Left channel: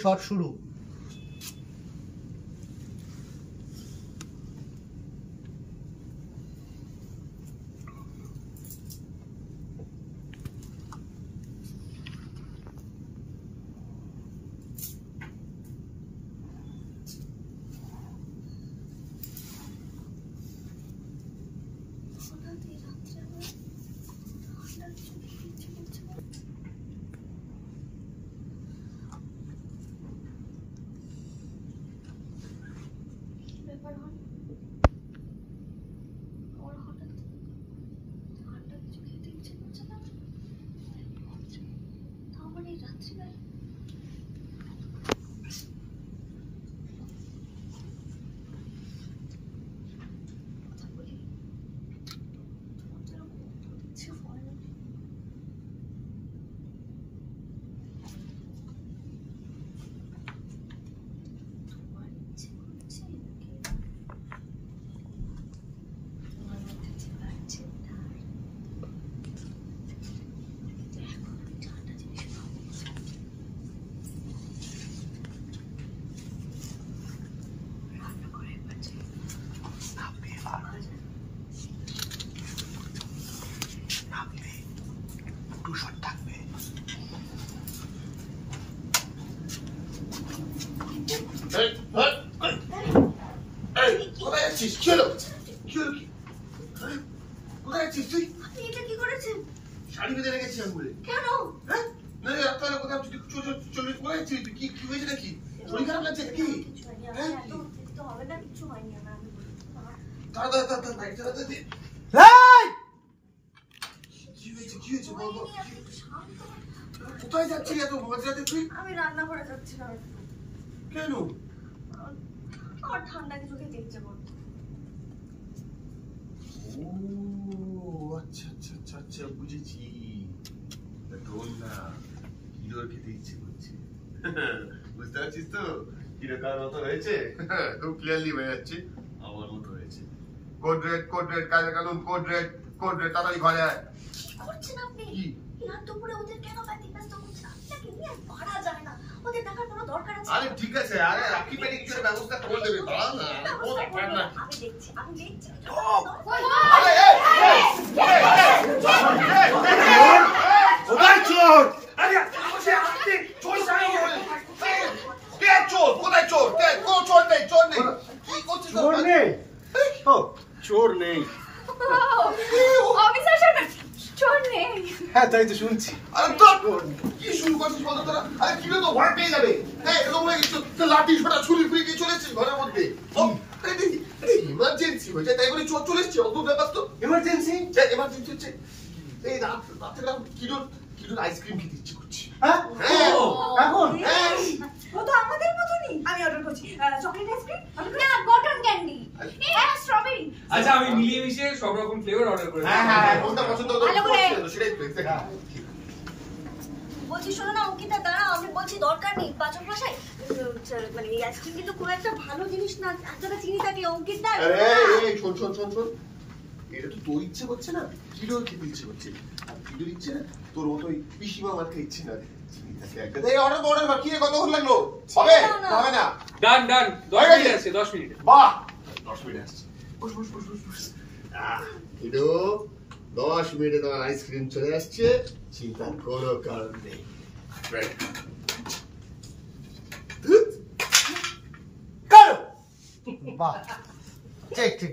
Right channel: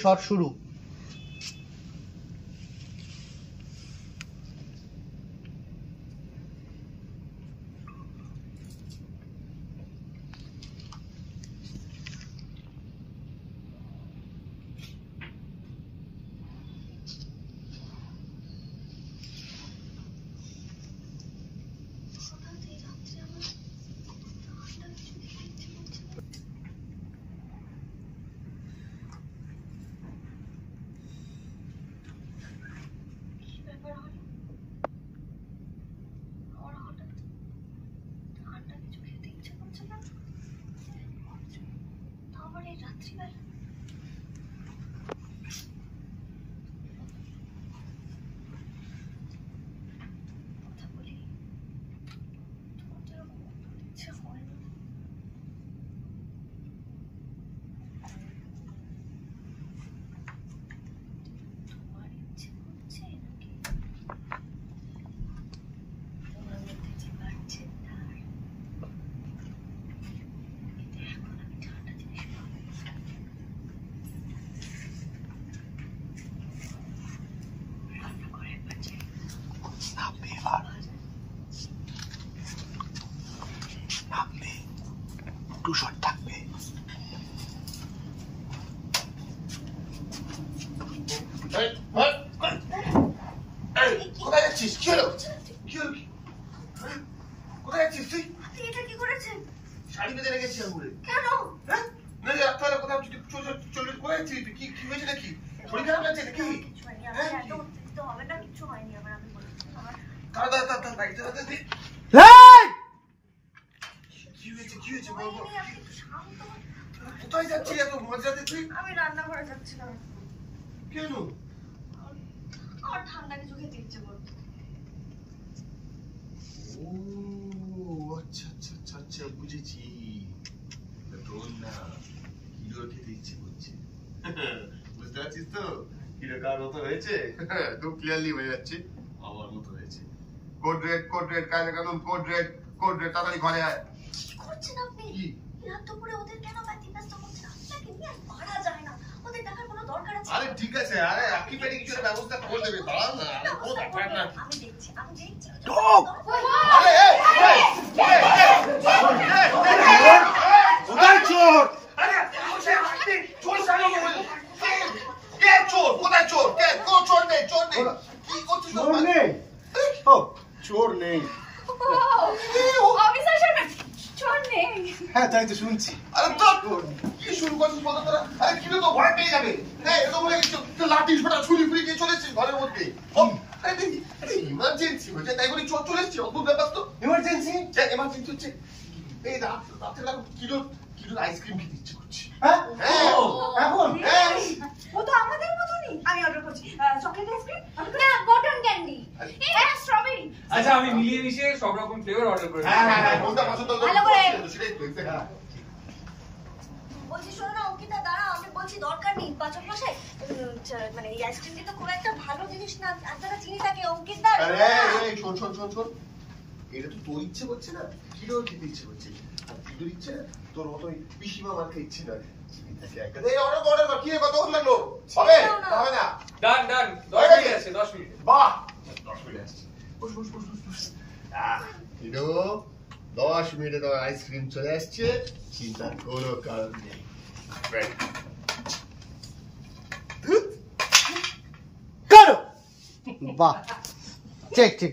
Shot শুরু। Two shot থাকবে। কোথায় যাচ্ছিস? কি হলো? কি হলো? কোথায় যাচ্ছিস তুই? এটা কি করেছেন? শাড়ি বেঁধে রেখেছি আঙুলে। কেন? হ্যাঁ না আপনারা কোথাও চলে কোথায় যাচ্ছিস? কি কি হয়েছে নাকি? শরীর খারাপ লাগছে নাকি? কিছু হয়নি, আপনি এত উত্তেজিত হবেন না, কিছু হয়নি। আমার আমি বলি দাদা বাইক চালাতে দে। কি হয়েছে বল। আপনি একটু শান্ত হন। কোথায় যাচ্ছিস এত মাঝরাতে তুই? আমি রান্না করে যাচ্ছিলাম একটু। কেন? আর ঠান্ডা কিছু খেতে ইচ্ছে করছে। ও আচ্ছা বুঝেছি। ঢোল না, হিরোর খেতে ইচ্ছে করছে। বুঝতে পারছিস তো হিরো কার মতো হয়েছে? খুব ক্লিয়ারলি হয়ে যাচ্ছে আমার মতো হয়েছে। কোড রেড কাজে কানুন কোড রেড তাড়াতাড়ি ঘরে আয়। কি করছেন আপনি? কি? রাত দুপুরে ওদের কেন ব্যতিব্যস্ত করছেন? আপনাকে নিয়ে আর পারা যায় না। ওদের দেখার কোনো দরকার আছে? আরে ঠিক আছে, আরে আপনি পেরে কিছু ব্যবস্থা করে দেবে। দাঁড়া না, ও ব্যাপার না। আমি দেখছি। আরে কোথায় চোর? আরে আপনি চোর সারা বল। কে চোর? কোথায় চোর? কে? কোনো চোর নেই। কি করছিস? চোর নেই। ও চোর নেই। অফিসার সাহেব চোর নেই। হ্যাঁ তাই তো শুনছি। আরে তো কি শুরু করছিস বলতো তোরা? আরে কি তো ঘরে পেয়ে যাবে। হ্যাঁ এরকম বলে কিছু তো লাঠি ছোটা ছুরি ফুরি দিয়ে চলেছিস ঘরের মধ্যে। আরে ইমার্জেন্সি হয়েছে তাই বলে চোর চলে এসছে। অদ্ভুত ব্যাপার তো। এমার্জেন্সি? এমার্জেন্সি হচ্ছে এই রাতে কিলোর আইসক্রিম খেতে ইচ্ছে করছে। হ্যাঁ এখন ও তো আমাদের মতনই। আমি অর্ডার করছি চকলেট আইসক্রিম, না কটন ক্যান্ডি, স্ট্রবেরি। আচ্ছা আমি মিলিয়ে মিশিয়ে সব রকম ফ্লেভার অর্ডার করে দিই। হ্যাঁ কোনটা পছন্দ সেটাই বলছি শোনো না অঙ্কিতা, দাঁড়াও, আমি বলছি দরকার নেই। পাচক মশাই মানে এই আইসক্রিম কিন্তু খুব একটা ভালো জিনিস না, এতটা চিনি থাকে। অঙ্কিতা আরে এই শোন এটা তো তোর ইচ্ছে করছে না, কিলোর খেতে ইচ্ছে করছে। আর কিলোর ইচ্ছে না তোর মতো ওই পিসিমা মার খেতে ইচ্ছে না। এই অর্ডার কি রে কত লাগলো? হবে না। ডান 10 মিনিট আছে 10 মিনিট। বাহ 10 মিনিট আসছে। বস কিলো 10 মিনিটে তো আইসক্রিম চলে আসছে, চিন্তার কোনো কারণ নেই। করো। বাহ ঠিক